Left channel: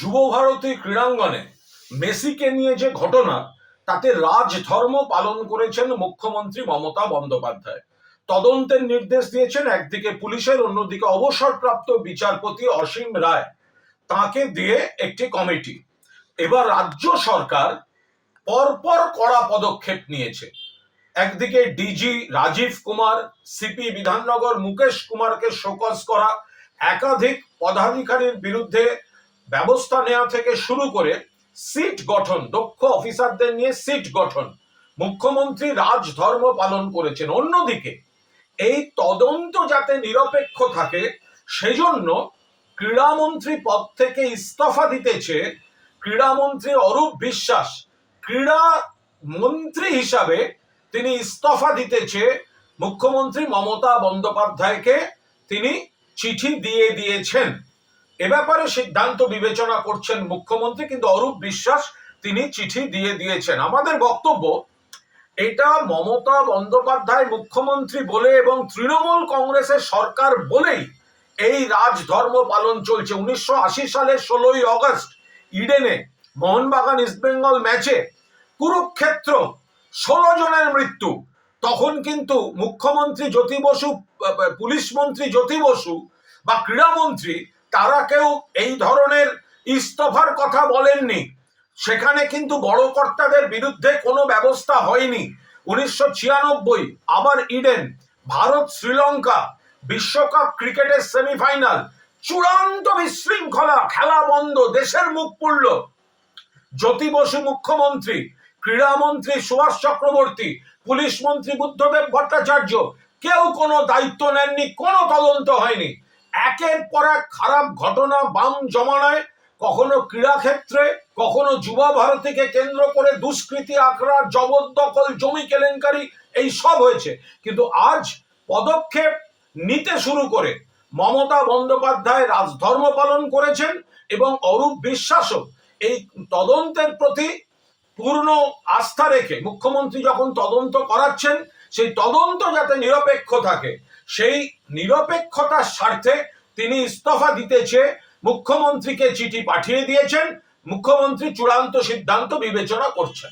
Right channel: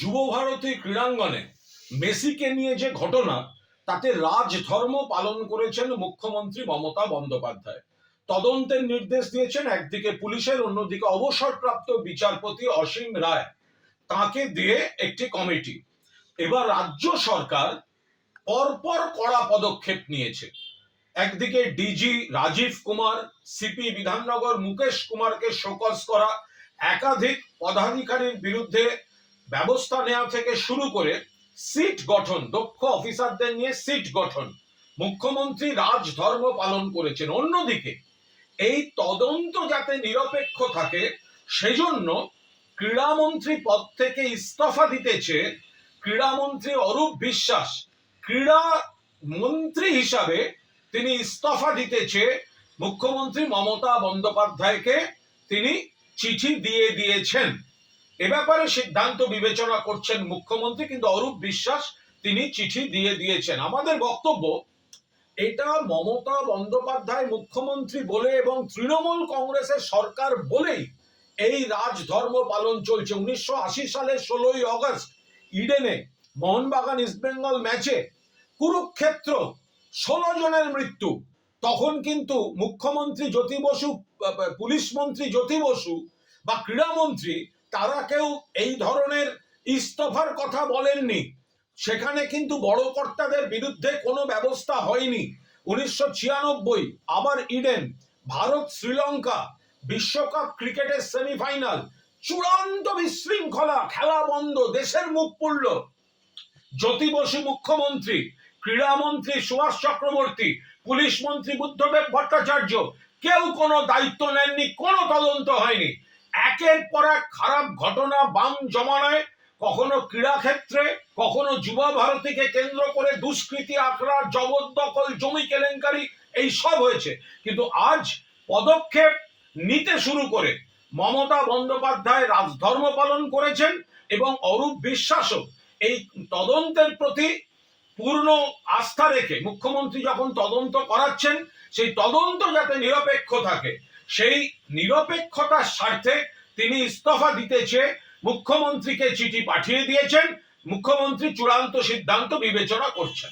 যুবভারতী ক্রীড়াঙ্গনে মেসিকে নিয়ে যে ঘটনা, তাতে রাজধর্ম পালন করেছেন মুখ্যমন্ত্রী মমতা বন্দ্যোপাধ্যায়। তদন্তের নির্দেশ দিয়েছেন একদিকে পুলিশের, অন্যদিকে অবসরপ্রাপ্ত বিচারপতি অসীম রায়, তাকে দিয়ে একটি কমিটি। এবার রাজ্য সরকার পরপর কড়া পদক্ষেপ নিয়েছে। একদিকে ডিজি রাজীব কুমার, সিপি বিধাননগর মুকেশ কুমারকে শোকজ করা, একাধিক পদাধিকারীর বিরুদ্ধে ব্যবস্থা নেওয়া থেকে শুরু করে সিট গঠন, দক্ষ অফিসারদের নিয়ে সিট গঠন, মুখ্যমন্ত্রী রাজধর্ম পালন করেছেন। অন্যদিকে এই তদন্ত যাতে নিরপেক্ষ থাকে সেজন্য ক্রীড়ামন্ত্রী পদ থেকে ইস্তফা দিতেছে ক্রীড়ামন্ত্রী অরূপ বিশ্বাস। ক্রীড়া মন্ত্রী হিসাবে তিনি ইস্তফা দিতেছে মুখ্যমন্ত্রী মমতা বন্দ্যোপাধ্যায়কে তিনি চিঠি দিয়ে দিয়েছেন। এ ব্যাপারে সিদ্ধান্ত বিবেচনা করছেন মুখ্যমন্ত্রী, কিন্তু অরূপ বিশ্বাস তিনি চিঠি দিয়ে দিয়েছেন। আমাদের বক্তব্য, এটা মমতা বন্দ্যোপাধ্যায় মুখ্যমন্ত্রী বলে এবং তৃণমূল কংগ্রেসের সরকার বলেই এই রাজধর্ম পালন চলছে। 1980 সালের 16ই অগস্ট ইডেনে মোহনবাগান ইস্টবেঙ্গল ম্যাচে কুরুক্ষেত্র 16 জনের মৃত্যু। তখন কিন্তু মুখ্যমন্ত্রী জ্যোতি বসু, পুলিশ মন্ত্রী জ্যোতি বসু বা ক্রীড়ামন্ত্রী, তারা কেউ এই ধরনের ইস্তফার কথা বলেননি। সেখানে কিন্তু বড় কর্তাদের বিরুদ্ধে কোনো ব্যবস্থা হয়নি। 1996 আবার ইডেন, ভারত শ্রীলঙ্কা বিশ্বকাপ ক্রিকেটের সেমিফাইনাল, চূড়ান্ত বিশৃঙ্খলা, খেলা বন্ধ, দেশের মুখ পুড়ল। জ্যোতি বসু মুখ্যমন্ত্রী, ক্রীড়ামন্ত্রী সুভাষ চক্রবর্তী, পুলিশ মন্ত্রী বুদ্ধদেব ভট্টাচার্য কেউ কোনো দায়িত্ব নেননি, কোনো তদন্ত হয়নি। একের পর এক খারাপ ঘটনা বাম জমানায়, কখনো ক্রীড়াক্ষেত্রে, কখনো যুবা ভারতীকে কেন্দ্র করে দুষ্কৃতি, আখড়া, জবরদখল, জমি কেলেঙ্কারি, এই সব হয়েছে। কিন্তু আজ পদক্ষেপ নিতে শুরু করে মমতা বন্দ্যোপাধ্যায় রাজধর্ম পালন করেছেন এবং অরূপ বিশ্বাসও এই তদন্তের প্রতি পূর্ণ আস্থা রেখে মুখ্যমন্ত্রী যখন তদন্ত করাচ্ছেন, সেই তদন্ত যাতে নিরপেক্ষ থাকে, সেই নিরপেক্ষতার স্বার্থে তিনি ইস্তফা দিতেছে মুখ্যমন্ত্রীকে চিঠি পাঠিয়ে দিয়েছেন। মুখ্যমন্ত্রী চূড়ান্ত সিদ্ধান্ত বিবেচনা করছেন।